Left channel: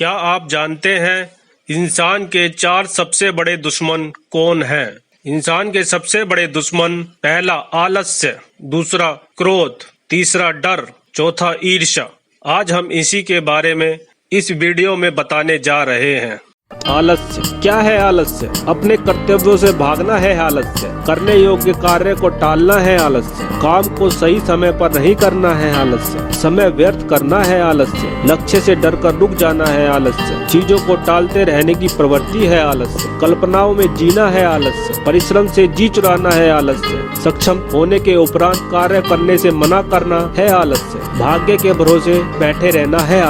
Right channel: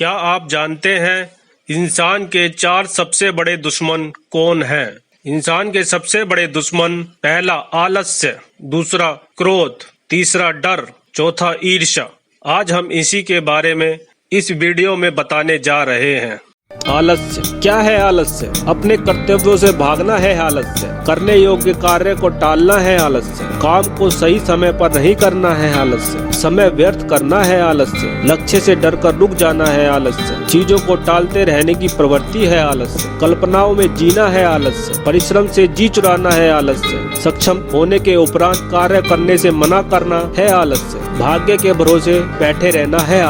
क्या आप जानते हैं इंसान के 4 सबसे बड़े दुश्मन कौन हैं? इंसान के सबसे बड़े दुश्मन, पहला आलस्य, दूसरा क्रोध, तीसरा डर, चौथा ईर्ष्या। आज हम इसी के बारे में इस वीडियो में बताने जा रहे हैं। आलस्य क्या है? आलस्य अपने कर्तव्यों से भागना है। आलस्य करने योग्य कार्य को टालना है। आलस्य काम को सही समय पर नहीं करना है। आलस्य समय व्यर्थ करना है। आलस्य लक्ष्य से डरकर रुक जाना है। आलस्य चीजों को टालते रहने की प्रवृत्ति है। आलस्य कल्पनाओं में जीना है। आलस्य परिश्रम से जी चुराना है। आलस्य सक्षम होने के उपरांत कार्य करने से मना करना है। आलस्य भाग्य के भरोसे बैठे रहना है।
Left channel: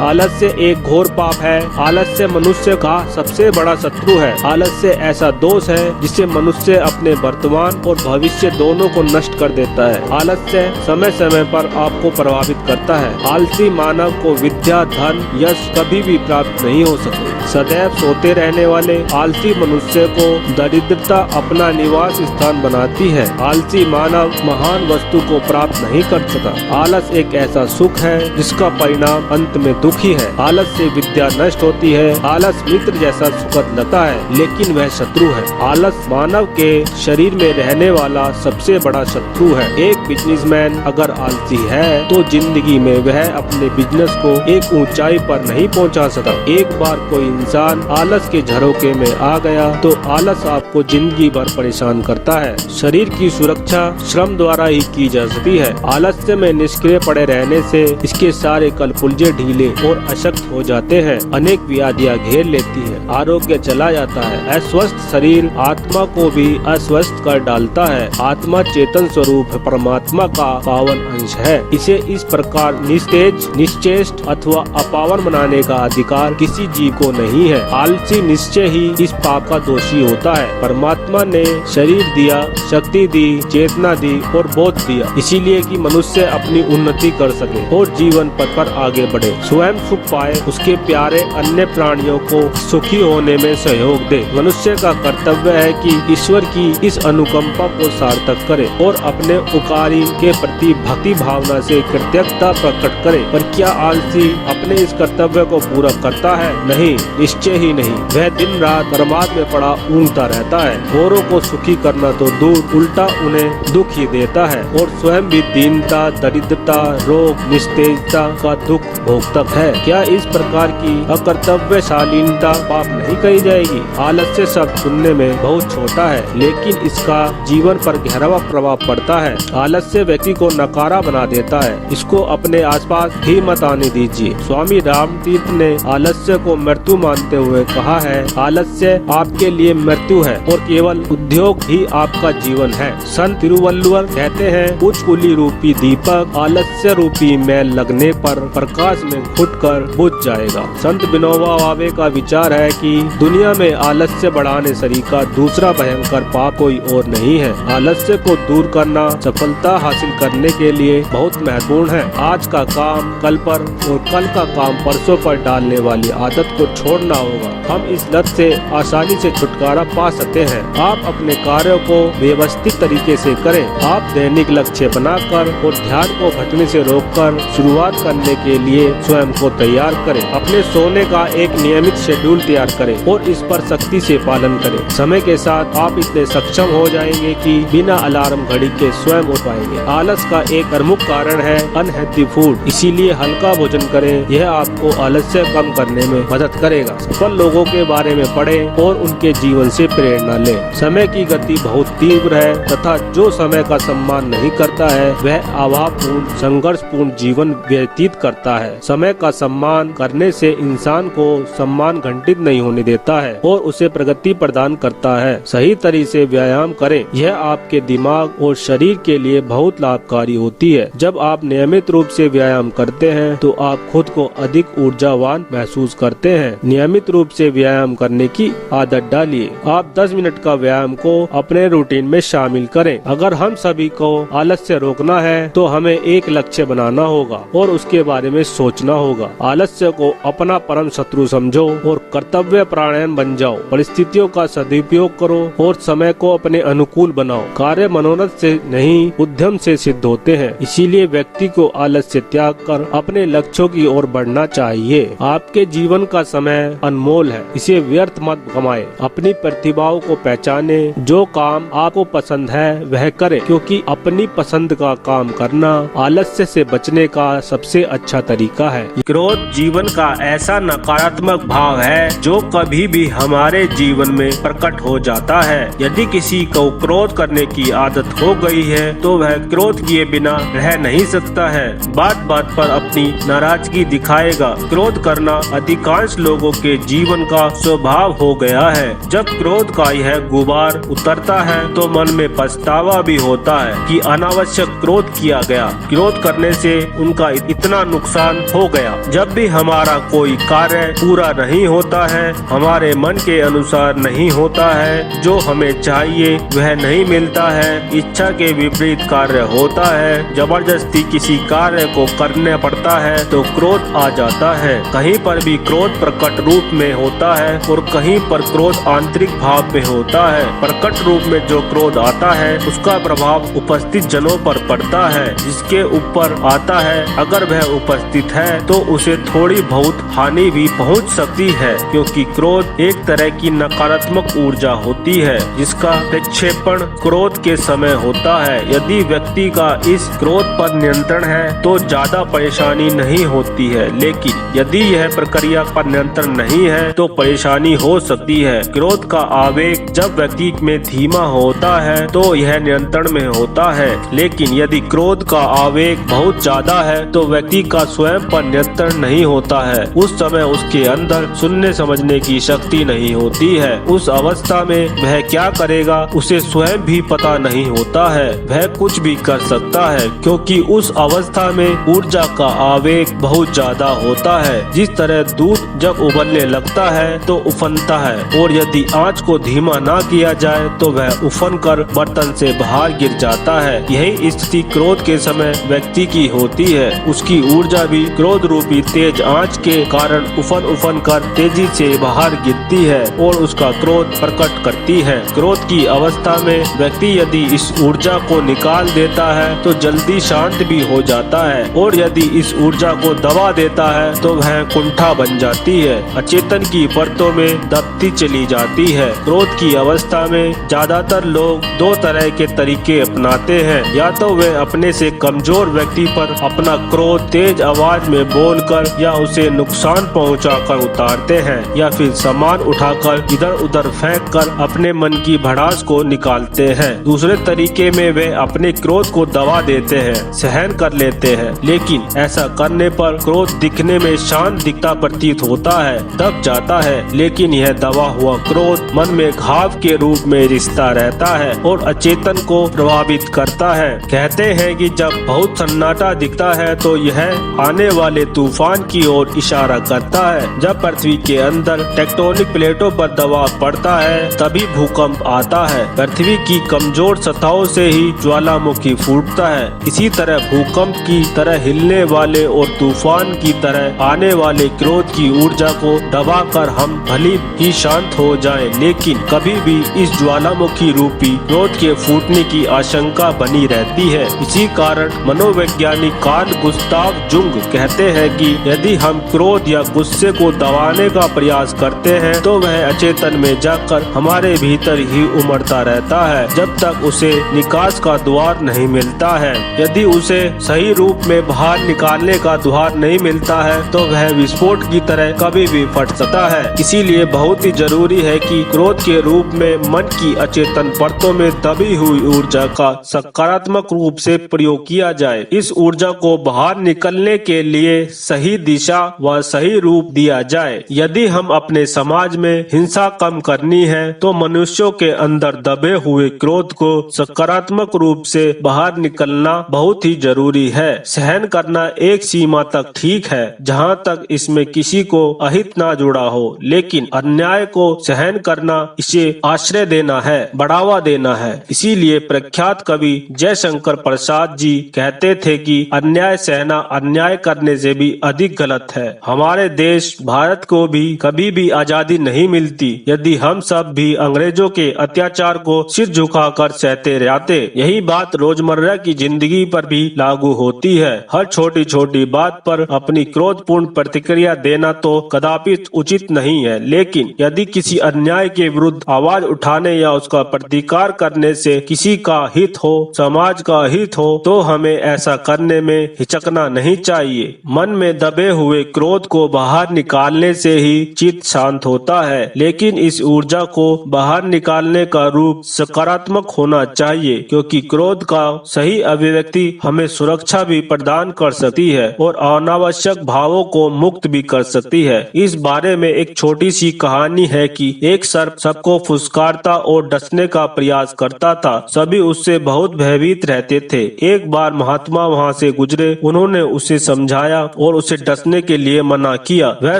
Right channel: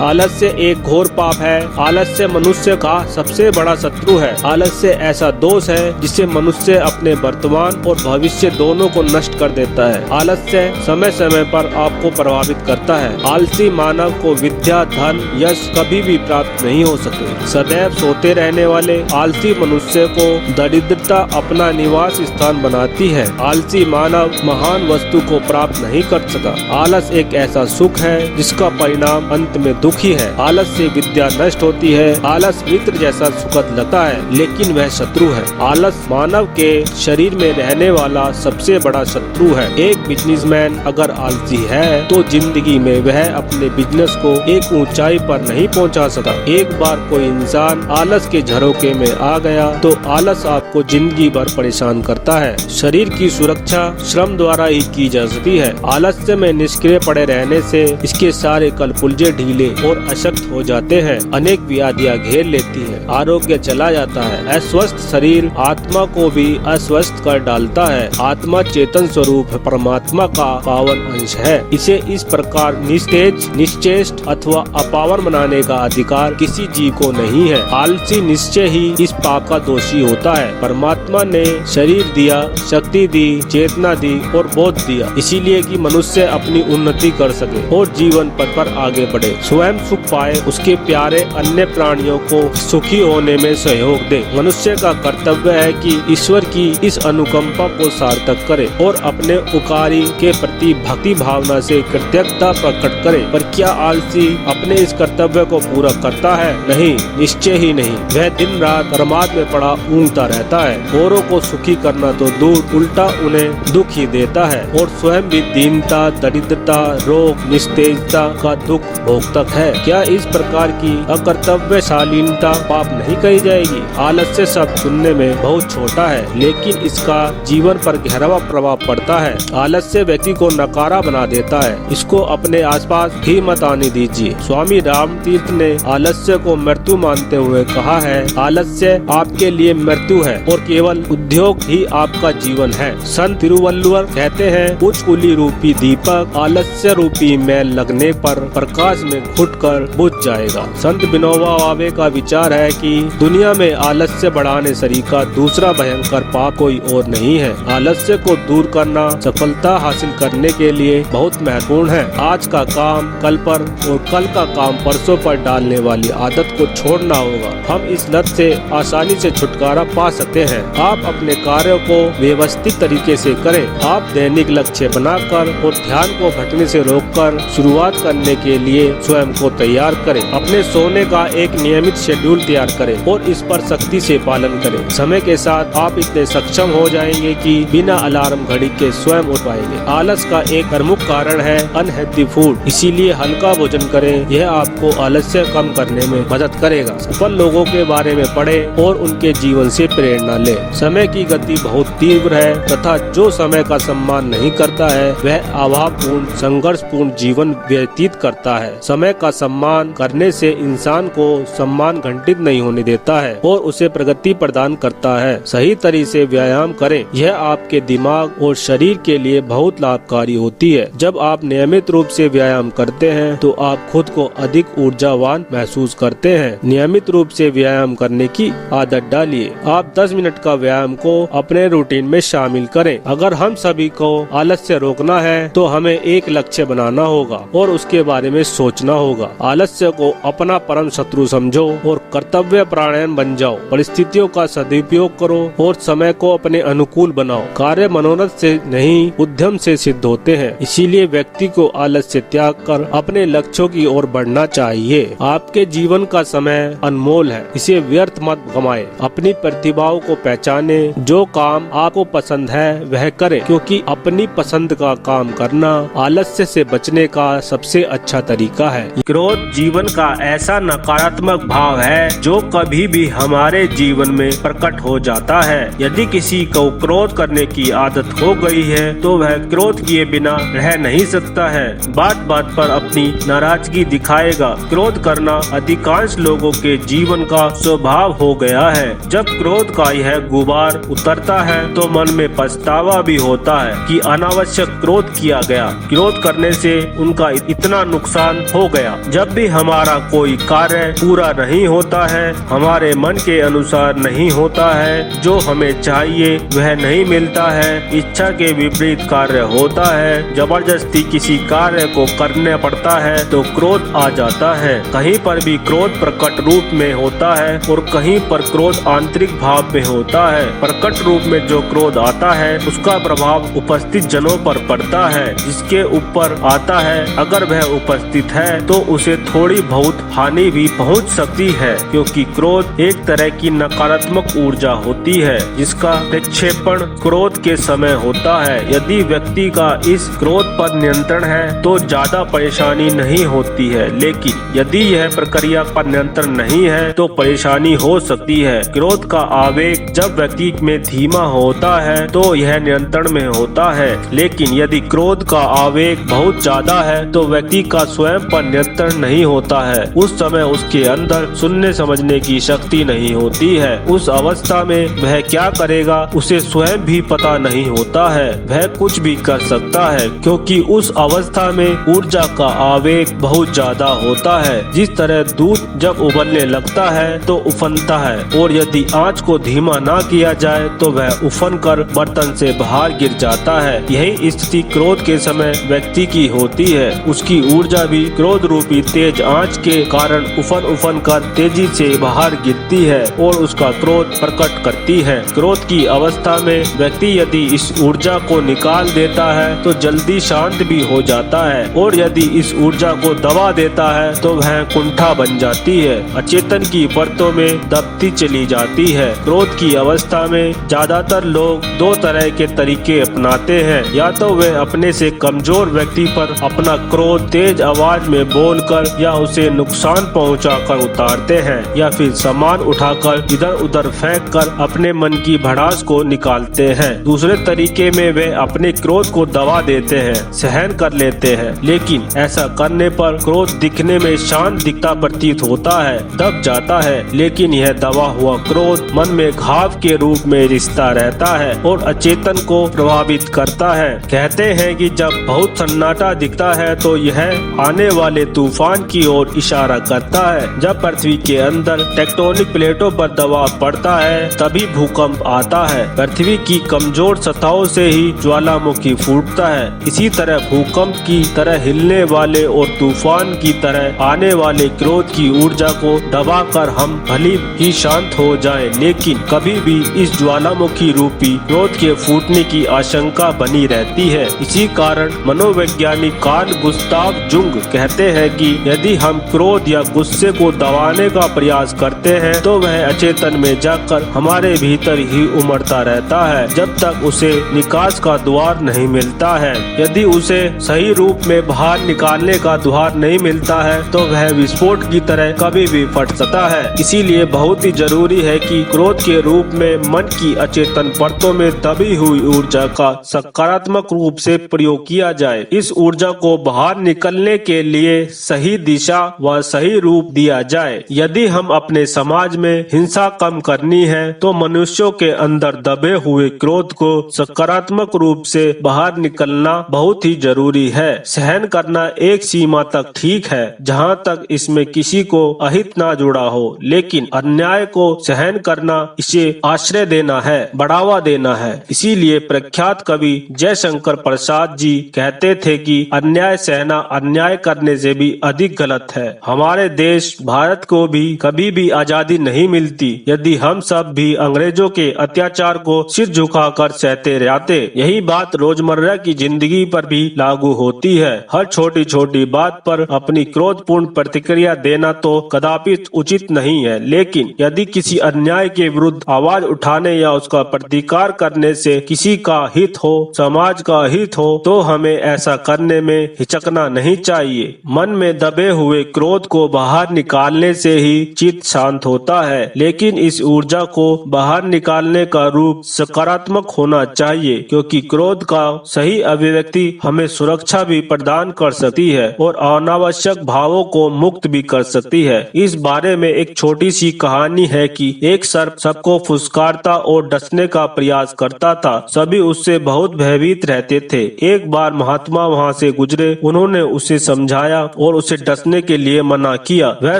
आलस्य एक घोर पाप है। आलस्य मनुष्य का सबसे बड़ा शत्रु है। आलस्य ऐसा दोष है जिससे मनुष्य अपने वर्तमान और भविष्य दोनों को नष्ट कर देता है। आलस्य समय समय पर आपको प्रभावित करता है। आलसी मानव को विद्या, धन, यश कभी भी प्राप्त नहीं हो सकती। सदैव सोते रहने वाले आलसी मनुष्य को दरिद्रता अपना निवास स्थान बनाती है। आलसी मानव महान वस्तु को प्राप्त नहीं कर सका। आलस एक ऐसा सुख है जिसका परिणाम अंत में दुख ही है। आलस से विद्या नष्ट होती है। आलस मित्र जैसा सुखद लगता है लेकिन वह शत्रु है। आलस मानव के शरीर में रहने वाला सबसे बड़ा शत्रु है। एक बिजनेसमैन अगर आलसी है तो जिंदगी में वह अपने बिजनेस को एक ऊंचाई पर नहीं पहुंचा सका। एक बार कोई इंसान आलस के झरोखे में आ गया तो आलस आपको जिंदगी भर परेशान करता है। शरीर की सुरक्षा श्रम द्वारा ही की जा सकती है। आलस्य में निष्क्रिय पड़े रहने से इसके सारे कलपुर्जे ढीले और अशक्त हो जाते हैं। अनेक व्याधियां घेर लेती है। आरोग्य चला जाता है। अस्वस्थ शरीर आत्मा को भी अस्वस्थ कर डालता है। आत्मा चेतन स्वरूप परमात्मा का पावन अंश है। इसे इस प्रकार निस्तेज, निश्चेष्ट अथवा अपावर बनाने का अधिकार किसी जीव को नहीं है। आलसी निश्चय ही इस पाप का दोषी होता है। परमात्मा ने शरीर दिया, शक्ति दी, चेतना दी और बोध दिया इसीलिए कि मनुष्य अपनी उन्नति कर सके और जीवन पथ पर आगे बढ़े, स्वयं सुख पाए, उसके प्यारे अन्य प्राणियों को सुखी होने में सहयोग दे। मनुष्य का कर्तव्य है कि ईश्वर की इस अनुकंपा को सार्थक करे और अपने उपकारी के प्रति भक्ति भावना से कृतज्ञता प्रकट करे। पर क्या आलसी अपने इस कर्तव्य को पूरा करता है? नहीं, निश्चय ही नहीं। वह दिन रात बर्बाद में पड़ा ऊँगता रहता है। औरों को सुखी करना तो दूर, उल्टा उन्हें दुख ही देता है और स्वयं भी दीनता, दरिद्रता, रोग, निस्तेजता का दुख भोगता है। क्या इस प्रकार की अकर्तव्यशालीनता पाप नहीं कही जाएगी? आलस्य शब्द सुनने में बहुत छोटा है लेकिन इसका जीवन पर गहरा प्रभाव पड़ता है। आलस्य व्यक्ति को नकारा बना देता है। इसको अपने आसपास ही मत आने दीजिए। स्वामी रामतीर्थ ने आलस्य को मृत्यु मानते हुए कहा है, आलस्य आपके लिए मृत्यु है और केवल उद्योग ही आपका जीवन है। संत तिरुवल्लुवर कहते हैं, उच्च कुली रूपी दीपक आलस्य रूपी मैल लगने पर प्रकाश में फुटकर बुझ जाएगा। संत विनोबा भावे का विचार है कि दुनिया में आलस्य बढ़ाने सरीका दूसरा भयंकर पाप कोई और नहीं है। आलस्य को दूर करना सफलता हासिल करने के लिए बहुत महत्वपूर्ण है। आज का काम कल पर और कल का काम परसों पर डालने वाली आदत को छोड़ना होगा। हम इस लत से आसानी से छुटकारा पा सकते हैं। आप अपने कार्यों को व्यवस्थित तरीके से करें। आप दैनिक लक्ष्य बनाकर और ध्यान को भटकने से रोककर शुरुआत करने के लिए स्वयं को तैयार करें। अपने सोने का एक नियमित शेड्यूल तैयार करें और इस पर सख्ती से पालन करें। समय के साथ आप इतने सक्षम हो जाएंगे कि बिना अलार्म घड़ी के स्वयं उठ पाएंगे। आलस का एक प्रमुख कारण है अनहेल्दी फूड, इसीलिए हल्का भोजन करें। यह आपको आलस्य कम करने में मदद करेगा। सफल लोगों के बारे में पढ़ें और उनके जीवन से प्रेरणा लें। समय की गति बहुत तीव्र है तथा जो समय का सम्मान नहीं करता है वह अभावपूर्ण, संघर्षपूर्ण जीवन व्यतीत करता है। समय का सम्मान करने से इंसान को सम्मान घंटित नहीं होने देता है और उसे प्रगति प्रदान करता है। सही तरीके से व्यायाम करें। यह आपके दिमाग और शरीर के लिए बहुत लाभकारी होती है। जब आप नियमित रूप से व्यायाम करते हैं तो आप खुद को अधिक ऊर्जावान महसूस करते हैं। नियमित रूप से व्यायाम करने की आदत डालिए। आप 10 मिनट का व्यायाम को अपने रूटीन में शामिल करें। अगर हम सभी को आलस्य रोकना है तो हमें एक लक्ष्य बनाना होगा और उसके बारे में सोचना होगा। आलस्य को अपना परम शत्रु समझो और कर्तव्य कर्तव्य परायण बन जाओ, परिस्थितियों का सदुपयोग करो और समय को अपने अनुकूल बनाओ। कार्य मनोरथ से नहीं, उद्यम से सिद्ध होते हैं। इसीलिए व्यक्ति को आलस्य त्याग कर अपने लक्ष्यों की ओर बढ़ना चाहिए। आपके जीवन का समय अनमोल है, इसे व्यर्थ मत गमाए। अपनी प्रतिभाओं को पहचाने, जो काम आपको पसंद है वह करे, क्योंकि अपनी पसंद का काम करना आलस्य से बचने का सबसे अच्छा तरीका है। क्रोध जीवन का ऐसा नकारात्मक भाव है जो कभी भी हमारे जीवन में प्रकट हो जाता है। यदि किसी को क्रोध करने की आदत हो गई है तो वह क्रोध किए बिना रह नहीं सकता है। बात बात पर अपनी नाराजगी दिखाएगा। क्रोध करना अधिकांश लोगों के जीवन का स्वभाव हो गया है। जब क्रोध का यह गुबार उतरता है तो मन में पछतावा भी होता है कि अनावश्यक क्रोध किया गया। क्रोध करने से उनका इतना नुकसान हो गया। जब भी हमारा कोई कार्य पूरा नहीं होता है, हमारे मन के अनुसार नहीं होता है, जो हमें चाहिए वह नहीं मिलता है, इच्छा के विपरीत कार्य होता है, जबरदस्ती किसी कार्य को करना पड़ता है तो क्रोध आ जाता है। कहीं पर भी क्रोध प्रकट रूप में होता है और कहीं पर क्रोध आंतरिक भाव में होता है। प्रकट रूप में जो क्रोध आता है उसका प्रभाव उपस्थित जनों पर पड़ता है। जिसके ऊपर आता है, अगर वह उपस्थित है तो उसे थोड़ी बहुत हानि भी पहुंच सकती है, क्योंकि क्रोध एक तरह की नकारात्मक ऊर्जा होती है जिसका प्रक्षेपण क्रोध के समय होता है। यदि व्यक्ति का इस क्रोध पर नियंत्रण है तो ज्यादा परेशानी नहीं होती है, लेकिन यदि यह प्रक्रिया पर नियंत्रण नहीं है तो परेशानी हो सकती है। क्रोध का आवेग जब व्यक्ति में धीमा होता है तो यह नियंत्रण में होता है, लेकिन यदि क्रोध का आवेग बहुत ज्यादा है तो व्यक्ति का स्वयं पर नियंत्रण नहीं होता है। उस समय उसके अंदर सुनने समझने की शक्ति नहीं होती है। उस अवस्था में वह क्या करेगा उसे स्वयं भी पता नहीं होता है। वह कुछ भी कर सकता है, क्योंकि उस अवस्था में ऊर्जा का आवेग बहुत ज्यादा होता है। जिस तरह दूध जब उबलने लगता है तो उफनता है, और यदि आंच को धीमा ना किया जाए तो वह उफन कर बर्तन से बाहर गिर जाता है। यही स्थिति क्रोध के समय व्यक्ति की होती है। उसकी ऊर्जा भी क्रोध रूपी तेज आंच के कारण उफन कर तेजी से बाहर गिरती है और उसका क्रोध प्रकट करती है। क्रोध की अवस्था में व्यक्ति यदि इस ऊर्जा को निकाल देता है तो जल्दी शांत भी हो जाता है, और यदि इस ऊर्जा को दबा देता है तो वह कुंठा बन जाती है, अचेतन की परतों में दबती चली जाती है। क्रोध की अवस्था में ज्यादातर लोग दो तरह के तरीके अपनाते हैं। या तो वे अपने से कमजोर व्यक्ति पर अपना क्रोध तेज आवाज में बोलकर या उसे नुकसान पहुंचाकर उतारते हैं, या फिर सामान उठाकर इधर उधर फेंक कर अपने मन की भड़ास को निकालते हैं। दूसरे तरीके में वे अपने क्रोध को दबा देते हैं, सहन कर लेते हैं, लेकिन ऐसा करने पर क्रोध दिखने में शांत दिखता प्रतीत होता है, दब जाता है, लेकिन यह दबा हुआ क्रोध मन में घाव के रूप में रिश्ता रहता है और अचेतन को प्रभावित करता है। कहते हैं कि जब बहुत सन्नाटा दिखता है तो यह आने वाले तूफान की ओर इशारा करता है। जब पृथ्वी के अंदर टेक्टोनिक प्लेटों पर दबाव पड़ता है तभी भूकंप आता है। पृथ्वी की कमजोर सतहों से ही ज्वालामुखी फूटता है। इसी तरह भूकंप की तरह हिलने वाले और तूफान की तरह आने वाले क्रोध की ऊर्जा को दबाकर हम भली ही शांत हो जाएं, लेकिन कभी भी इस ज्वालामुखी रूपी क्रोध के फूटने की आशंका बनी रहती है। इसी कारण मनोवैज्ञानिक कार्ल गुस्ताव जुंग कहते हैं कि यदि हम क्रोध या गुस्से को दबाने का प्रयास करते हैं तो वह अचेतन में जाकर हमारे भीतर ही उमड़ता रहता है जब तक उसे निकास का द्वार नहीं मिलता है। यदि उसे सही रूप में बाहर निकालने का द्वार नहीं मिलता है तो वह विस्फोट की तरह कभी भी फट सकता है। इसीलिए बहुत ही जरूरी है कि क्रोध के रूप में मन की अचेतन परतों में दबी हुई ऊर्जा का सकारात्मक रूप से प्रयोग किया जाए। इस ऊर्जा को बाहर निकलने के लिए सही दिशा व सही रूप दिया जाए। यदि हम अपने समाज में हिंसा कम करनी है तो मनुष्यों के अंदर दबे हुए क्रोध को सकारात्मक रूप से बाहर निकलना बहुत ही जरूरी है। सहन करना एक सीमा तक ठीक है जहाँ तक इसमें किसी को अहित ना जुड़ा हो, लेकिन अन्याय को सहन करना इसे आश्रय देना है, बढ़ावा देना है। इसीलिए प्रख्यात कवि जयशंकर प्रसाद जी कहते थे कि अन्याय सहना अन्याय करने से भी अधिक गलत है। हमारे देश भारत को भी कभी कभी भी आजादी नहीं मिलती यदि हम सब भी अंग्रेजों के अत्याचार को सिर झुकाकर सहते रहते। यही बात रोजमर्रा की जिंदगी पर भी लागू होती है। हर छोटी छोटी बात पर अपनी क्रोधपूर्ण प्रतिक्रिया देना तो कदापि उचित नहीं है, लेकिन यदि किसी अन्याय के विरुद्ध आवाज उठाने या उसका प्रतिकार करने से किसी का हित हो, समाज का हित हो, तो हमें ऐसा करने में हिचकना नहीं चाहिए। मन में दबे हुए क्रोध को बाहर निकालने से ही चित्त शांत होता है, लेकिन इस ऊर्जा को बाहर निकालने का रूप सकारात्मक होना चाहिए, क्योंकि क्रोध का सही अभिव्यक्ति हमें सुरक्षा भी प्रदान कर सकती है और अनावश्यक भावों को मुक्त भी कर सकती है। इस बारे में एक छोटी सी कहानी है कि एक सर्प सबको फुसकारता और डसने का प्रयास करता था। सभी उससे बहुत भयभीत रहते थे। एक बार महात्मा वहाँ से गुजरे, उन्होंने उसे समझाया और उसे डसने के लिए मना किया। वह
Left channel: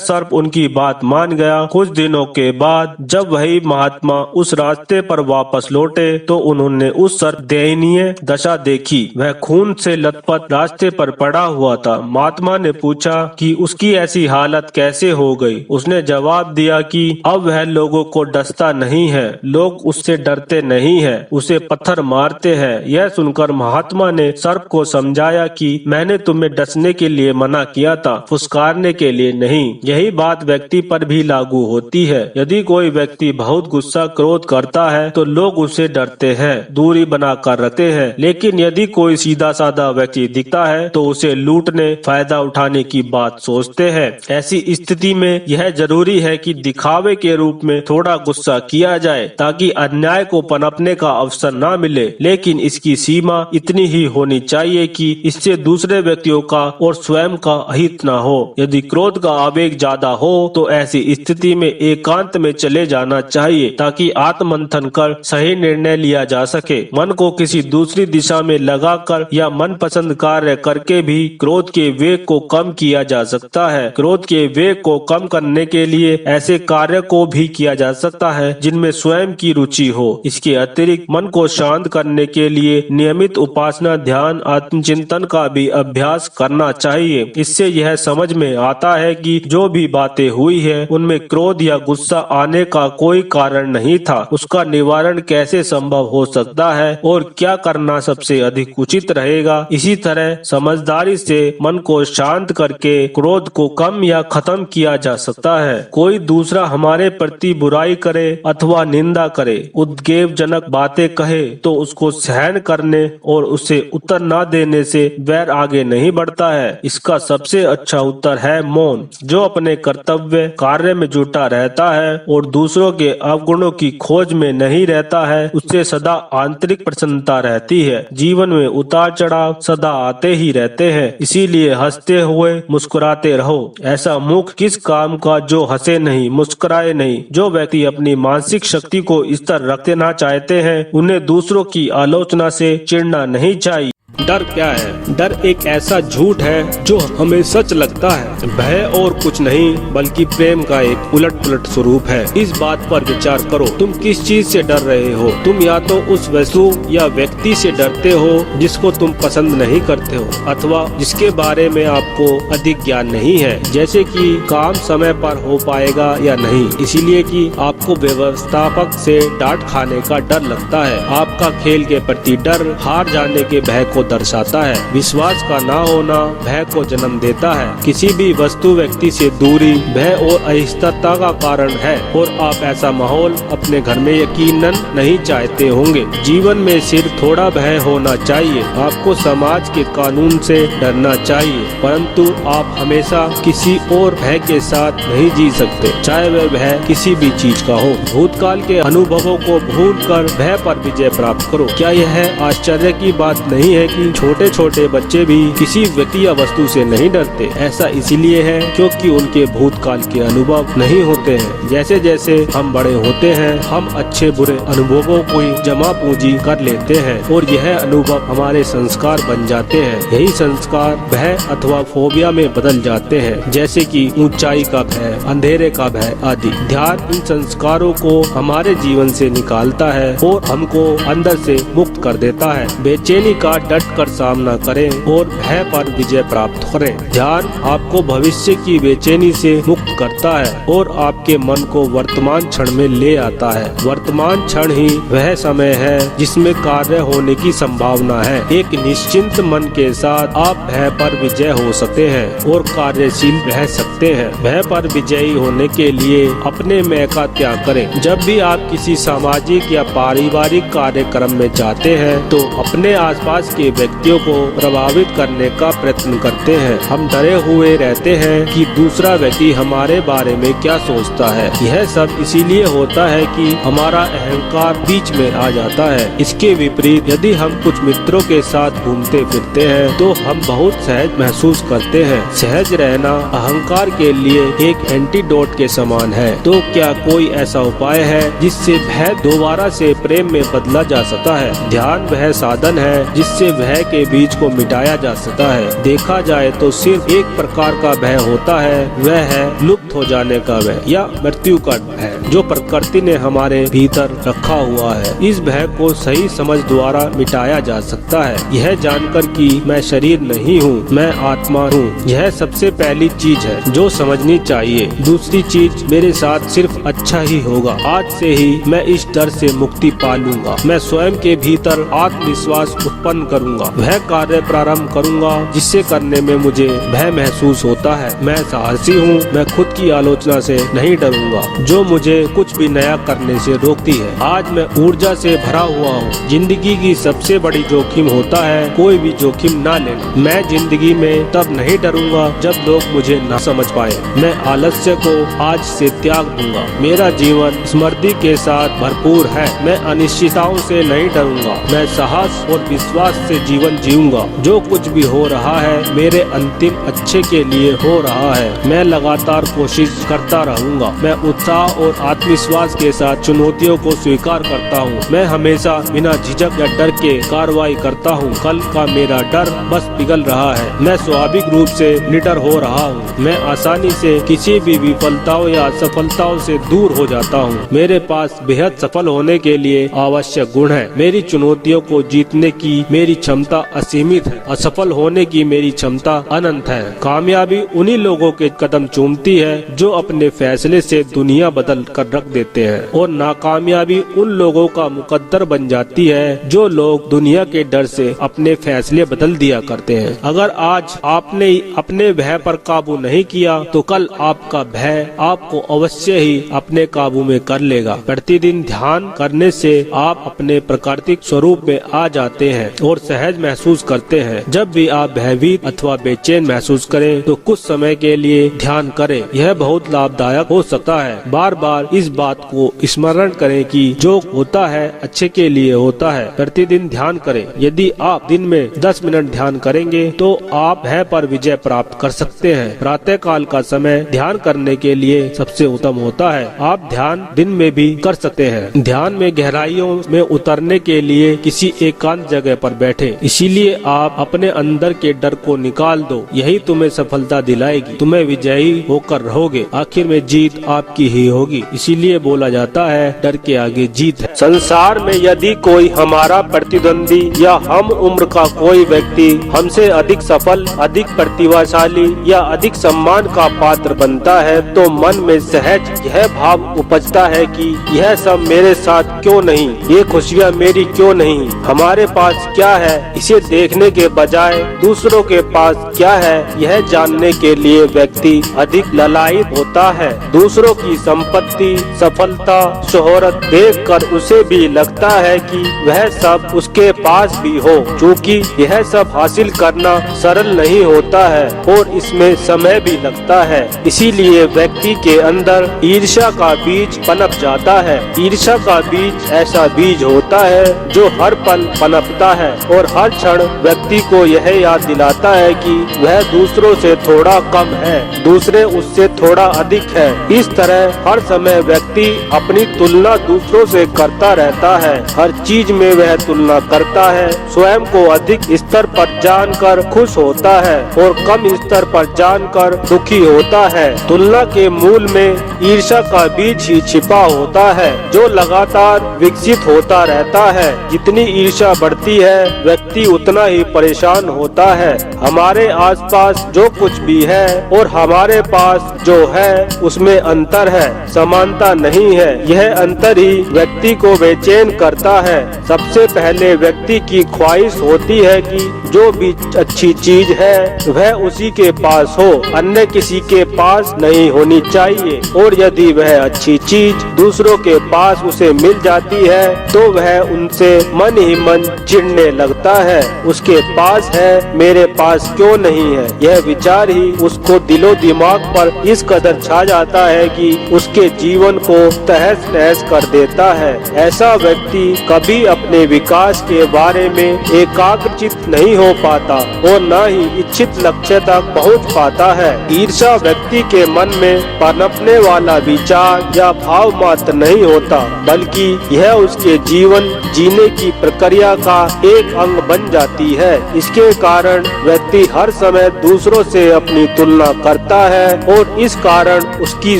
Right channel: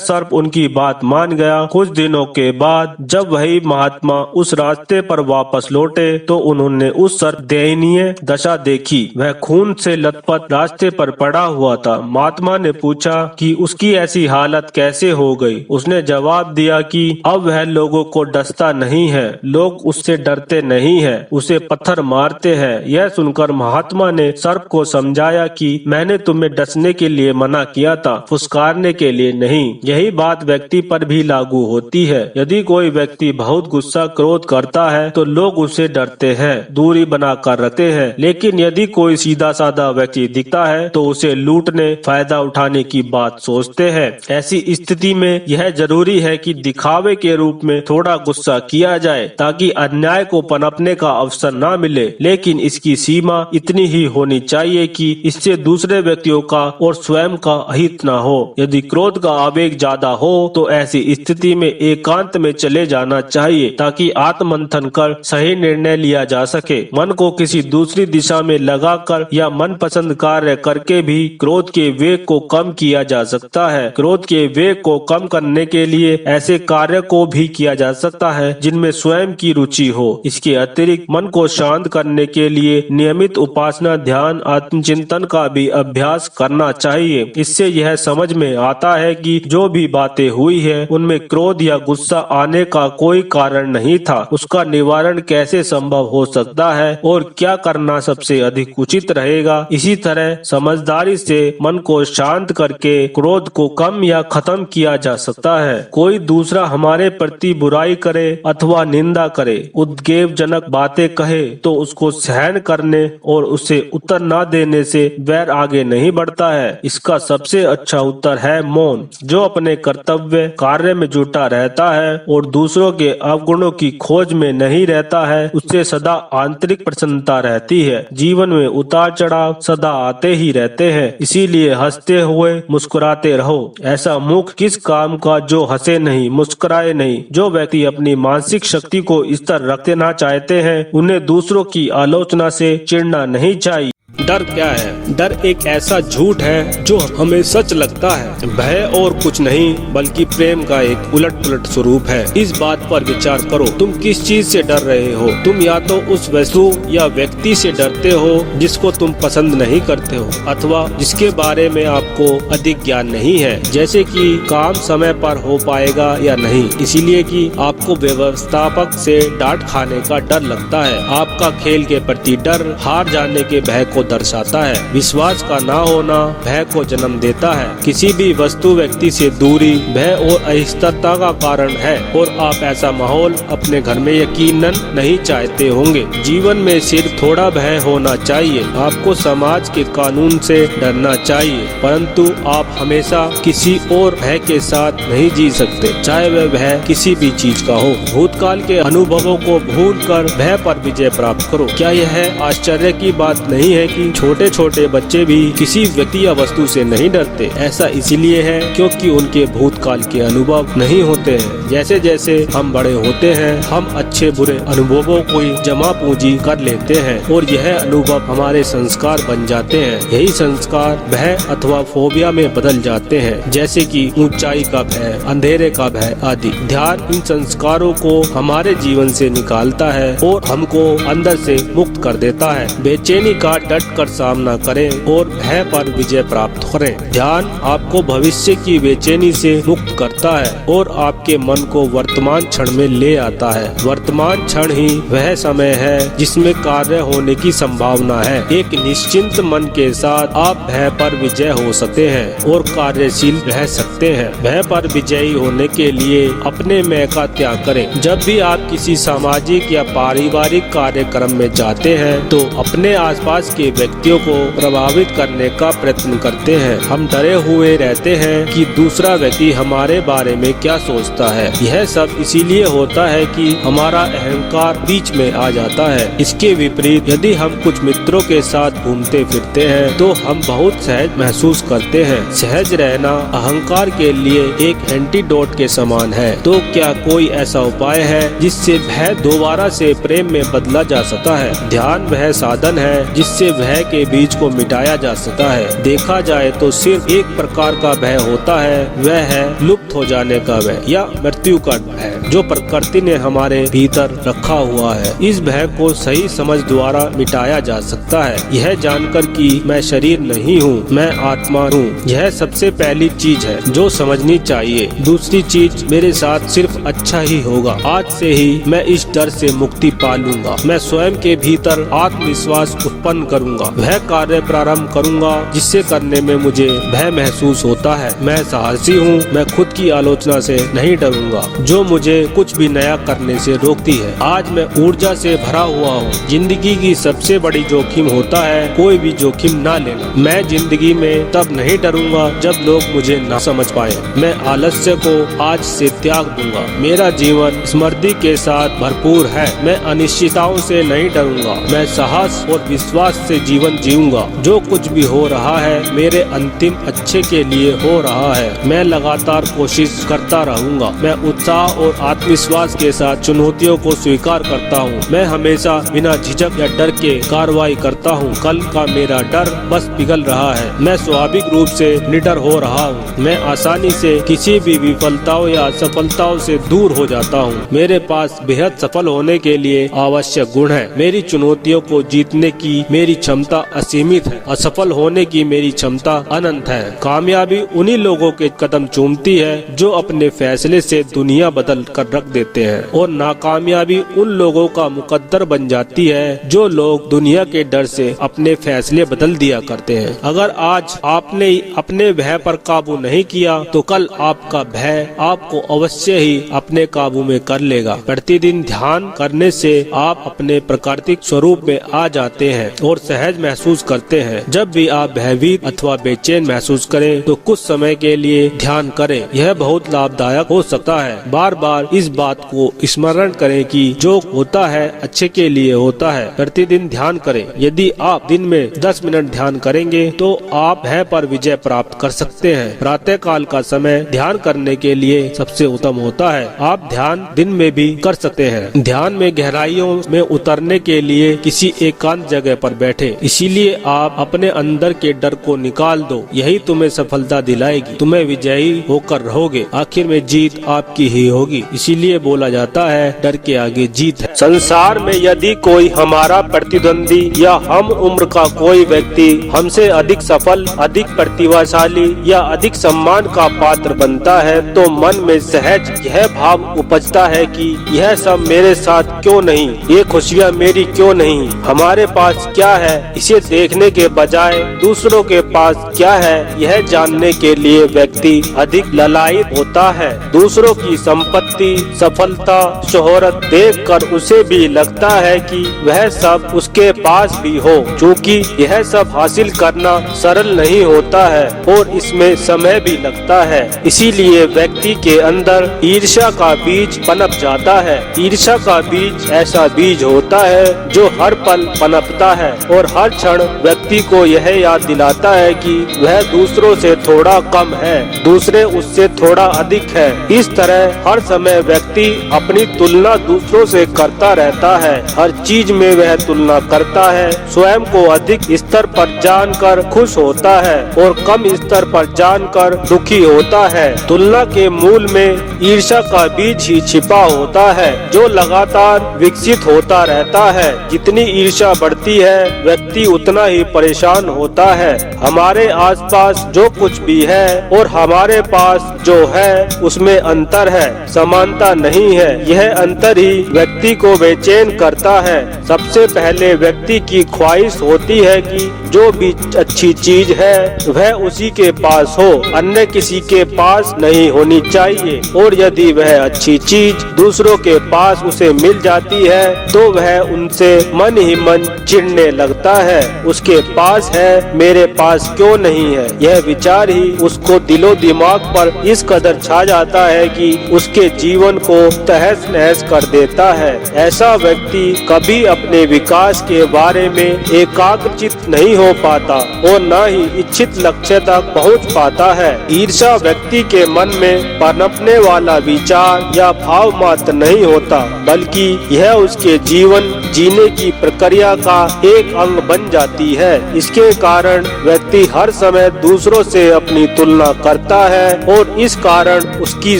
सर्प उनकी बात मान गया। कुछ दिनों के बाद जब वही महात्मा उस रास्ते पर वापस लौटे तो उन्होंने उस सर्प दयनीय दशा देखी। वह खून से लथपथ रास्ते पर पड़ा हुआ था। महात्मा ने पूछा कि उसकी ऐसी हालत कैसे हो गई। उसने जवाब दिया कि अब वह लोगों को डसता नहीं है, लोग उससे डरते नहीं है, उसे पत्थर मारते हैं। यह सुनकर महात्मा ने सर्प को समझाया कि मैंने तुम्हें डसने के लिए मना किया था, फुसकारने के लिए नहीं। यही बात व्यक्ति पर भी लागू होती है। यदि कोई व्यक्ति बहुत गुस्सा क्रोध करता है तो लोग उससे डरते हैं, दूरी बनाकर रखते हैं, लेकिन यदि कोई सीधा साधा व्यक्ति दिखता है तो उसे लूटने फायदा उठाने की बात सोचते हैं। ऐसी स्थिति में यह जरूरी है कि दिखावे के रूप में थोड़ा गुस्सा किया जाए ताकि अन्याय को पनपने का अवसर न मिले, लेकिन इसकी सीमा इतनी ही होनी चाहिए कि इससे दूसरे व्यक्तियों का और स्वयं का हित न हो। यदि क्रोध का आवेग ज्यादा हो तो ऐसी स्थिति में एकांत में चले जाना चाहिए ताकि आत्ममंथन कर सही निर्णय लिया जा सके। मन को किसी दूसरी दिशा में लगाकर या मनपसंद कार्य करके भी क्रोध के वेग को कम किया जा सकता है। क्रोध के वेग को कम करने के लिए ऐसे कार्य को भी किया जा सकता है जिनमें स्वयं की रुचि हो। इसके अतिरिक्त मन को शांत करने के लिए नियमित उपासना, ध्यान, आत्मचिंतन का भी अभ्यास करना चाहिए। इससे यह समझ में आता है कि जो भी बातें हुई है उनमें क्रोध या गुस्सा आने का कोई कारण नहीं था। उसका निवारण कैसे संभव हो सकता है और क्या करना सबसे अधिक उचित रहेगा। इसी तरह समझदारी से मन को शांत करके क्रोध को कम या खत्म किया जा सकता है। कोई दूसरा हमारे प्रति बुराई करे अथवा निंदा करे, उद्वेगजनक बातें कहे तो उसको सहन करने और उसे उत्तर न देने से वैर आगे नहीं बढ़ता है। इसका सबसे अच्छा उत्तर है मौन। जो अपने कर्तव्य कार्य में जुटा रहता है और दूसरों के अवगुणों की खोज में नहीं रहता है, उससे सदा आंतरिक प्रसन्नता रहती है। जीवन में उतार चढ़ाव सदा आते ही रहते हैं, इसीलिए हंसते हुए मुस्कुराते रहो। ऐसा मुख किस काम का जो हंसे नहीं, मुस्कुराए नहीं। जो व्यक्ति अपनी मानसिक शक्ति को स्थिर रखना चाहते हैं उन्हें दूसरों की आलोचना से चिढ़ना नहीं चाहिए। डर क्या है? डर एक ऐसा झूठ है जो हमें सच लगता है। भय और कुछ नहीं बल्कि प्रेम का एक उलट पुलट स्वरूप है। इस बात पर विचार करो, तुम किस चीज से डर रहे हो? तुम या तो उस वस्तु या व्यक्ति से डरते हो जिसको तुम पसंद नहीं करते हो अथवा जिसके बारे में आपको अधिक ज्ञान नहीं है, जैसे कि काम समय पर हो पाएगा या नहीं, इसीलिए कि आपको व्यवस्थापक से डांट खाने का डर लगता है। आपका खेल के प्रति डर हार जाने के भय को दर्शाता है। विश्वास का ना होना भय को जन्म देता है। किसी भी वस्तु व्यक्ति से दूरी भय और अस्थिरता का कारण है और आप ऐसा माहौल अपने घर में यकीनन नहीं चाहते होंगे। जीवन में सिर्फ थोड़ा भय होना चाहिए। आपको समाज के कानून से डरना चाहिए, परंतु आप हमेशा किसी और भय के साथ नहीं जी सकते, चाहे वह भय किसी भी चीज का हो। भूतकाल के अनुभवों को भूल कर भय पर विजय प्राप्त करो। क्या यह आश्चर्य की बात नहीं है कि छोटे छोटे बच्चे भी किसी व्यक्ति या वस्तु से नहीं डरते? ऐसा इसलिए है क्योंकि उनके भूतकाल के अनुभव नहीं होते हैं। जैसे जैसे हम बड़े होते हैं हम अच्छे बुरे अनुभवों को जमा पूंजी कर लेते हैं और यह अनुभव हमारे संस्कार बन जाते हैं। यही संस्कार भय अथवा फोबिया में बदल जाते हैं, जैसे कि ऊंचाई का भय, अंधेरे का भय आदि। ध्यान इन संस्कारों को हमारे जीवन से निकालता है और हमको अंदर से मुक्त कर देता है। बेचैनी का डट डट कर सामना करें और भय पर विजय प्राप्त करें। ध्यान आपको भविष्य की बेचैनी से मुक्त करता है और आपके मन को वर्तमान क्षण में ले आता है। वर्तमान क्षण ही वह समय है जिसमें कार्य होने की संभावना है। एक निश्चिंत मन के साथ आप भय पर विजय हो सकते हैं और कार्यशील रह सकते हैं। भय पर विजयी होने के लिए अपने मैं का त्याग करें। जब भी आप किसी सामाजिक या पारिवारिक कार्यक्रम में जाते हैं तो अपने आसपास के व्यक्तियों को प्रभावित करने का प्रयत्न करते हैं। हम डरे हुए रहते हैं कि दूसरा व्यक्ति हमारे बारे में क्या सोचता है। यह सब इसीलिए होता है कि हमारा अहंकार बीच में आ जाता है। इसके विपरीत यदि हम कुछ मित्रों के साथ घूमते फिरते हैं तो हम बहुत सहज महसूस करते हैं। सहज रहना अहंकार के लिए एक एंटीडोट के समान है। तो क्या कोई ऐसा उपाय है जिससे भय दोबारा से प्रेम में बदला जा सकता है? ध्यान वह साधन है जिससे भय के बीज को मिटाया जा सकता है। देखा जाए तो सिर्फ एक प्रकार का भय होता है, वह है लुप्त हो जाने का भय या मृत्यु का भय जो प्रकृति ने हमारे भीतर रखा हुआ है। इस भय को सही समझ द्वारा मिटाया जा सकता है। यह जानकर कि मैं शरीर नहीं हूँ, मैं आत्मा हूँ, यह सबसे पहली चीज है जो समझनी चाहिए। दूसरी चीज, मेरे साथ सिर्फ अच्छा ही होगा। आज से ही मैं इस डर से मुक्ति पा लूंगा। मैं स्वयं के भीतर आत्मविश्वास उत्पन्न करूंगा। वह कार्य प्रारंभ करूंगा जिससे करने में मुझे भय महसूस होता है। मैं साहसी हूँ, मैं खुद की आलोचना से नहीं डरूंगा जो मुझे कुछ भी नया करने से रोकती है। आज मैं ऊर्जा से भरा हुआ हूँ। जिंदगी की सबसे बड़ी जोखिम होता है कोई भी जोखिम ना लेना। मैं जिंदगी में तब नहीं डरूंगा जब लोग मुझे न समझ पाए। मैं आलस्य को आज से त्याग दूंगा। मेरा जीवन स्मृति के साथ भरपूर है। मैं अनिश्चितताओं से नहीं डरूंगा। मैं साहस और विश्वास से जीवन जीऊंगा। जो कुछ भी हो रहा है मेरे अंतिम अच्छे के लिए हो रहा है। मैं लगातार कोशिश करता रहूंगा। मैं उत्साह और आत्मविश्वास के साथ चुनौतियों को स्वीकार करता हूँ। मैं हमेशा बिना झिझक या डर के कार्रवाई करता हूँ। कल का मेरा डर बस पिघल रहा है। मैं स्वाभाविक रूप से निडर हो रहा हूँ। मैं आसानी से किसी भी विफलताओं या असफलताओं से दूर हो जाता हूँ। मेरे पास बेहद सफल होने के लिए आवश्यक गुण है। मेरी चुनौतियों को जीतने की मेरी क्षमता असीमित है। असफल होने की मेरी क्षमता अनंत है। कामयाबी उन्हीं लोगों के कदम चूमती है जो अपने फैसले से दुनिया बदल कर रख देते हैं और नाकामयाबी उन लोगों का मुकद्दर बन जाती है जो लोग दुनिया के डर से अपने फैसले बदल दिया करते हैं। अगर आज आपने अपने भय पर काबू नहीं किया तो कल आपका भय आपको अवश्य ही अपने काबू में कर लेगा। प्रतिदिन ध्यान करने से आप अपने प्राकृतिक स्वरूप में आ जाते हैं और सहज महसूस करते हैं। जब भी आप भयभीत अथवा बेचैन महसूस करें तो कुछ समय के लिए ध्यान करें। यह बहुत लाभदायक हो सकता है। बार बार इस बात को स्मरण करें कि जो होता है अच्छे के लिए होता है। प्रतिदिन ध्यान करें। यदि आप दिन में 10 मिनट ध्यान करेंगे तो आप भय पर विजय प्राप्त कर सकते हैं। प्रातः काल का समय ध्यान करने के लिए सबसे उत्तम होता है। आप ध्यान दिन में भी कर सकते हैं। ध्यान में गहराइयों में उतरने के लिए किसी एकांत जगह पर बैठे। इसीलिए आप अपने अंदर के डर को निकाल दो। यही तुम्हें सफलता दिलाएगी। तुम्हें विजयी होकर रहोगे। आखिर में जीत आपकी ही होगी। इसीलिए बोला जाता है डर के आगे जीत है। संसार में यदि कोई हमारा प्रतिद्वंदी या हम उम्र का कोई व्यक्ति हमसे अधिक सफल, अधिक प्रतिभाशाली या अधिक सम्मान का पात्र बनता है तो मन में सहज यह भाव उपजता है कि यह सब मेरे साथ क्यों नहीं, ये खुशियाँ मेरी क्यों नहीं, हमारे पास क्या है। इसे देखने के बजाय दूसरों के पास क्या है यह जानने के लिए व्यक्ति अधिक ललायित होता है। दूसरों की संपत्ति, सफलता, शोहरत देखकर उसे भी लगता है कि वह सब उसके पास भी हो। क्योंकि यह सब हासिल करना सरल नहीं होता है और इसमें समय भी लगता है। इसीलिए व्यक्ति के अंदर ईर्ष्या का बीज पनप जाता है। ईर्ष्या का बीज ऐसा बीज होता है जो हर पल पनपता है और हर क्षण व्यक्ति को यह याद दिलाता है कि वह दूसरों से थोड़ा कम है, दूसरे उससे थोड़ा अधिक है। इस तरह हर समय व्यक्ति अपनी तुलना दूसरों से करता रहता है। हर चीज में वह तुलना करता है। स्वयं को अधिक स्तर पर जानकर खुश होता है और कम स्तर पर जानकर दुखी होता है। तुलना के मूल में ईर्ष्या का बीज ही छिपा होता है जो लगातार विकसित होता रहता है। जितनी ईर्ष्या बढ़ती है व्यक्ति उतना ही परेशान होता है। हमारे आसपास जो कुछ भी है और हमारे पास जो है उसमें अंतर है, समानता नहीं है। यह अंतर ही व्यक्ति को बेचैन करता है। सबसे पहले व्यक्ति की ख्वाहिश होती है कि जो भी अच्छी चीज है वह उसी के पास हो, अन्य किसी के पास नहीं होनी चाहिए। और यदि वह अच्छी चीज दूसरों के पास उसे मिल जाती है तो वह उनसे मन ही मन चिढ़ने लगता है। उसके पास है, मेरे पास क्यों नहीं है? यह विचार ही उसको दिलो दिमाग पर इस कदर छा जाता है कि उसके जीवन को तहस नहस कर देता है। ऐसा व्यक्ति कभी अपने विकास के बारे में एकाग्रचित्त नहीं हो पाता और न ही इच्छित लक्ष्य तक पहुंच पाता है। ईर्ष्या व्यक्ति के मन में पनपने वाला विचार या भाव मात्र नहीं होता, बल्कि यह उसके जीवन जीने की प्रक्रिया का एक अंग बन जाती है। इसके कारण व्यक्ति हर समय दूसरों से अपनी तुलना करता है और इस कारण उसकी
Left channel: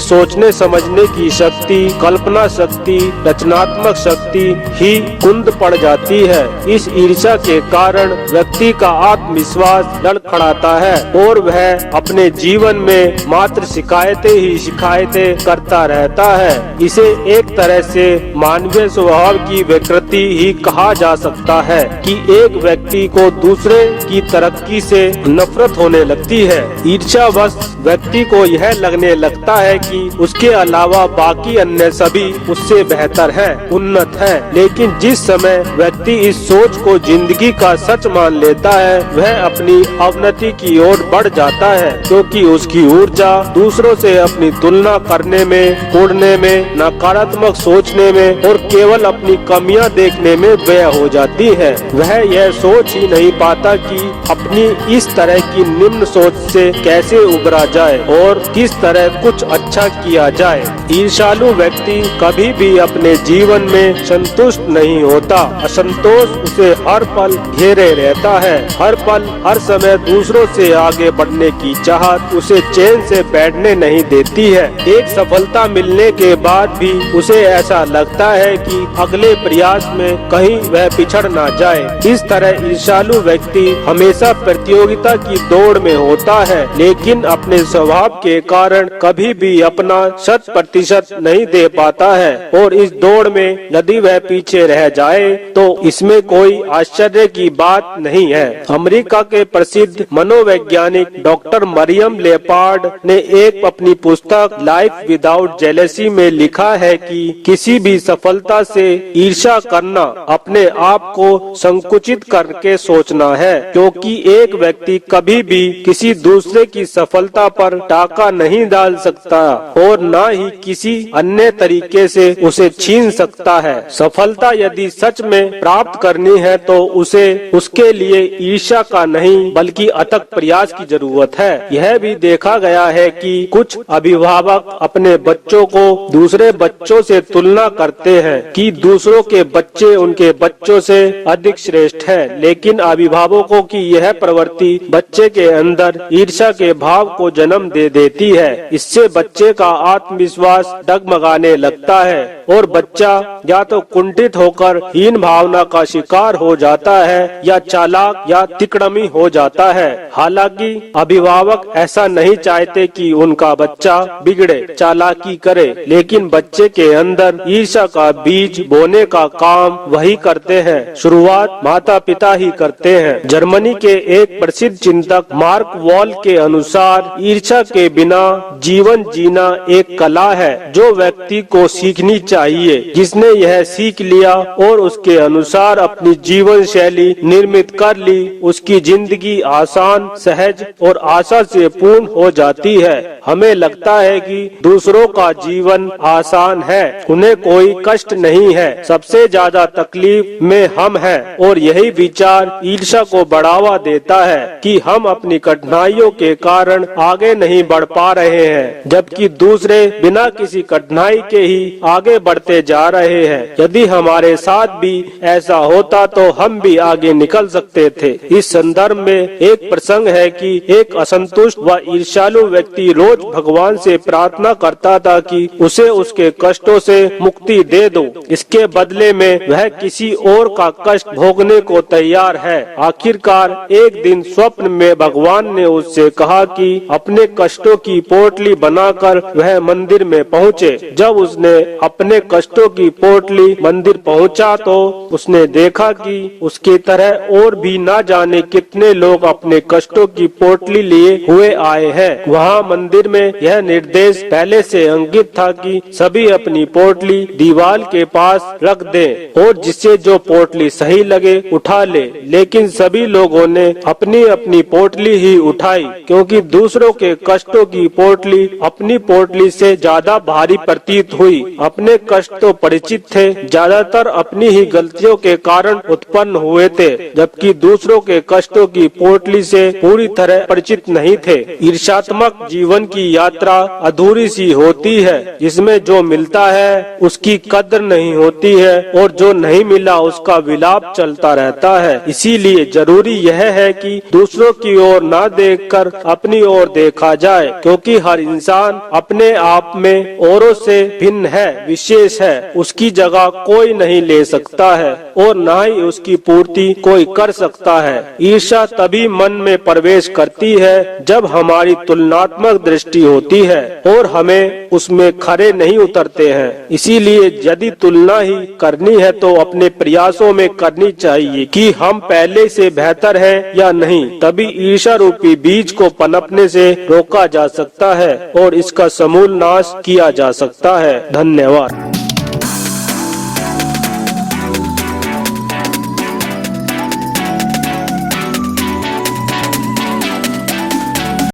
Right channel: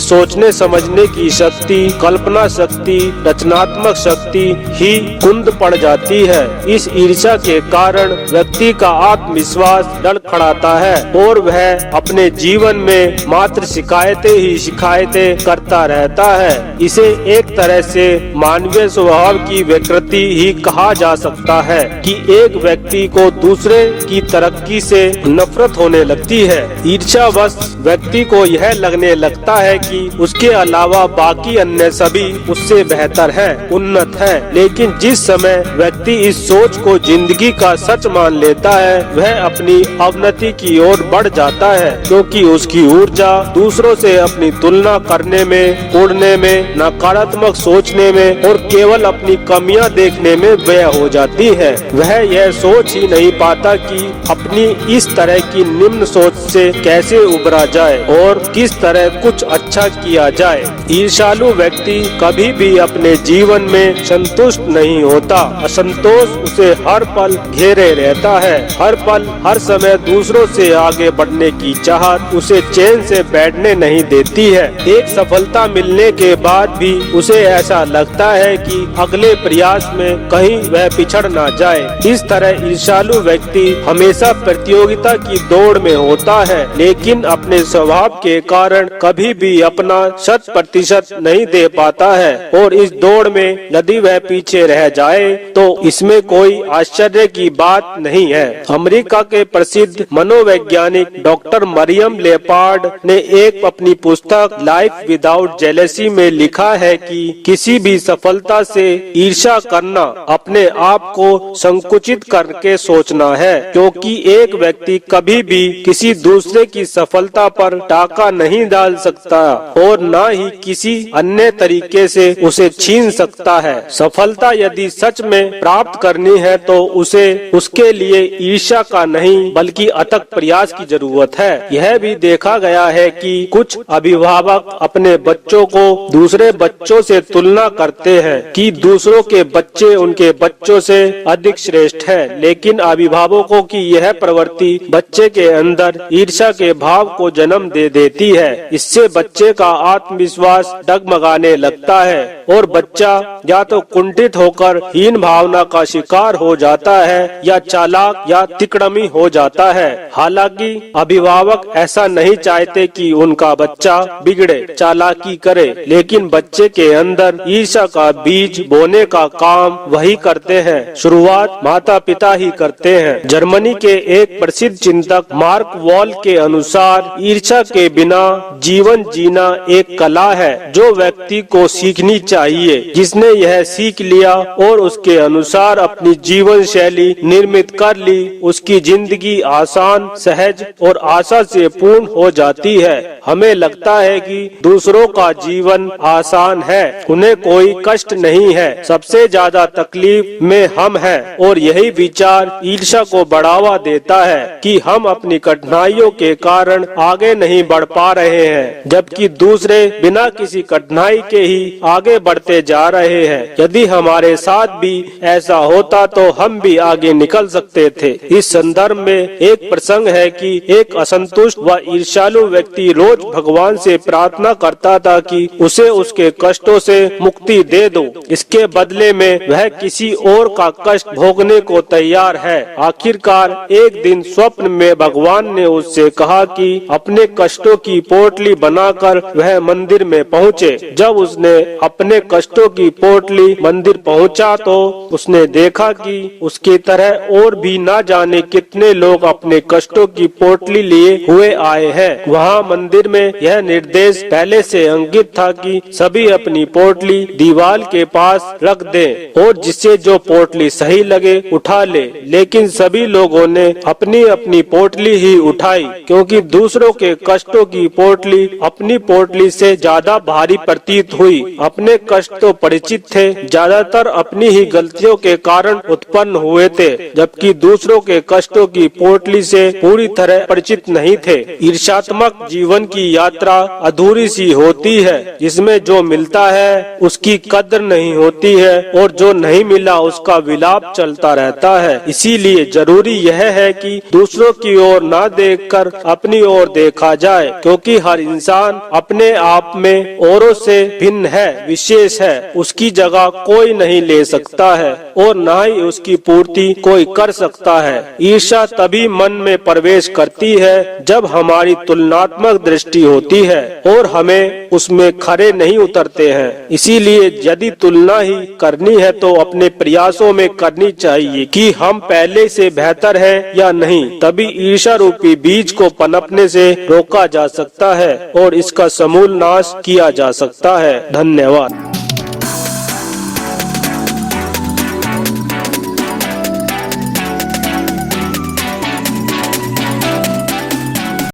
सोचने समझने की शक्ति, कल्पना शक्ति, रचनात्मक शक्ति ही कुंद पड़ जाती है। इस ईर्ष्या के कारण व्यक्ति का आत्मविश्वास लड़खड़ाता है और वह अपने जीवन में मात्र शिकायतें ही शिकायतें करता रहता है। इसे एक तरह से मानवीय स्वभाव की विकृति ही कहा जा सकता है कि एक व्यक्ति को दूसरे की तरक्की से नफरत होने लगती है। ईर्ष्यावश व्यक्ति को यह लगने लगता है कि उसके अलावा बाकी अन्य सभी उससे बेहतर है, उन्नत है। लेकिन जिस समय व्यक्ति इस सोच को जिंदगी का सच मान लेता है वह अपनी अवनति की ओर बढ़ जाता है, क्योंकि उसकी ऊर्जा दूसरों से अपनी तुलना करने में, उड़ने में, नकारात्मक सोचने में और केवल अपनी कमियां देखने में व्यय हो जाती है। वह यह सोच ही नहीं पाता कि अपनी इस तरह की निम्न सोच से कैसे उबरा जाए और किस तरह कुछ अच्छा किया जाए। ईर्ष्यालु व्यक्ति कभी भी अपने जीवन में संतुष्ट नहीं होता। असंतोष उसे हर पल घेरे रहता है। हर पल हर समय दूसरों से आगे बढ़ने की चाहत उसे चैन से बैठने नहीं देती है। एक सफलता मिलने के बाद भी उसे ऐसा लगता है कि अगले प्रयास में कहीं वह पिछड़ ना जाए। इस तरह ईर्ष्यालु व्यक्ति हमेशा प्रतियोगिता की दौड़ में होता है, लेकिन अपने स्वभाव के कारण कभी भी अपना 100% नहीं दे पाता है और इस दौड़ में यदि वह पीछे रह जाए तो इसमें कोई आश्चर्य की बात नहीं है। अमेरिका के प्रसिद्ध मनोवैज्ञानिक डॉक्टर मरियम लेपार्ड ने एक अपनी पुस्तक लाइफ विदाउट जेलेसी में लिखा है कि किसी भी सफलता से ईर्ष्या करना अपने आप को संकुचित करके सोचना है, क्योंकि एक व्यक्ति कभी भी किसी दूसरे की सफलता पर टाका नहीं डाल सकता और न ही किसी अन्य तरीके से उसे छीन सकता है। सफलता यदि सच में प्राप्त करनी है तो उसे उसके लिए ईर्ष्या का नहीं बल्कि अथक प्रयास की जरूरत है। यह भी देखा गया है कि कुछ अभिभावक अपने बच्चों को दूसरे बच्चों से तुलना करते हैं कि दूसरों के बच्चे उनके बच्चों से अधिक श्रेष्ठ है, लेकिन अभिभावकों की यह प्रवृत्ति बच्चे के अंदर ईर्ष्या के भाव को जन्म दे देती है। इससे बच्चे का आत्मविश्वास डगमगाने लगता है और बच्चा या तो कुंठित होकर हीन भावना का शिकार हो जाता है या चालाक या तिकड़मी हो जाता है। हालांकि अभिभावक ऐसा नहीं चाहते कि उनका बच्चा बिगड़े, चालाकी करे, लेकिन बच्चे के अंदर ईर्ष्या का बीज बोने का काम वही करते हैं। शुरुआत माता पिता ही करते हैं। जर्मनी के एक प्रसिद्ध चिंतक मार्क वॉल के अनुसार ईर्ष्या के बिना जीवन जीना एक कला है जो व्यक्ति को सीखनी चाहिए। जिसने यह सीख लिया और उसके अनुसार अपनी जीवन शैली निर्मित कर ली, उसकी जिंदगी आसान, सहज और आशा से पूर्ण हो जाती है। हमें लगता है कि दूसरों का जीवन आसान है, उन्हें कोई कष्ट नहीं है, सबसे ज्यादा तकलीफ में हम हैं और यही विचार ईर्ष्या को बढ़ावा देता है कि हम अपनी कठिनाइयों के कारण आगे नहीं बढ़ पा रहे हैं, जबकि दूसरे बिना किसी कठिनाई के ही आगे बढ़ते जा रहे हैं। यदि हमारे साथ भी ऐसा होता तो हम भी आगे निकल सकते थे। इस संदर्भ में एक प्रसंग है कि एक असंतुष्ट व ईर्ष्यालु व्यक्ति रोज भगवान से प्रार्थना करता था कि उसे उसके कष्टों से मुक्ति दे दो। इसके बदले में वह किसी और का कष्ट भोगने को तैयार है। आखिरकार एक दिन स्वप्न में भगवान ने उससे कहा कि अपने कष्टों की पोटली बनाकर वह मंदिर में पहुँचे। जब उसने अपने कष्टों की पोटली मंदिर पहुँचा तो उसने देखा कि उसकी तरह और भी ना जाने कितने लोग अपने कष्टों की पोटली लिए हुए आए हैं। वहाँ मंदिर में यह निर्देश पहले से अंकित था कि सभी अपनी पोटली दीवार के पास रख दें और जिसे जो पोटली सही लगे उठा ले। लेकिन सभी लोगों ने अपनी अपनी पोटली ही उठाई, क्योंकि दूसरों के कष्टों की पोटली अपनी पोटली से ज्यादा भारी प्रतीत हुई। अपने कष्ट तो परिचित थे, ज्यादातर अपनी ही गलतियों के कारण उत्पन्न हुए थे, जबकि दूसरों के कष्टों की पोटली से पूरी तरह परिचित नहीं थे। ईर्ष्यात्मक जीवन की यात्रा अधूरी सी होती है, जिसमें जो मिलता है उसकी कद्र नहीं होती है और जो नहीं मिला उसका विलाप चलता रहता है। इसीलिए जरूरी यह है कि दूसरों की ओर ना देखकर अपनी ओर देखा जाए, क्योंकि हर इंसान अपने आप में औरों से भिन्न है, विशेष है। उसकी जगह कोई नहीं ले सकता है और ना ही उसकी पूर्ति कोई कर सकता है। ईर्ष्या तभी मन में प्रवेश करती है जब हमारी तुलनात्मक दृष्टि होती है और हमें उसमें खरे नहीं उतरते हैं। इसीलिए यदि तुलना ही करनी है तो अपने प्रयासों में करनी चाहिए कि हम पहले से बेहतर हैं या नहीं। तभी ईर्ष्या रूपी बीज को पनपने से रोका जा सकता है और इसका समूल नाश किया जा सकता है। धन्यवाद।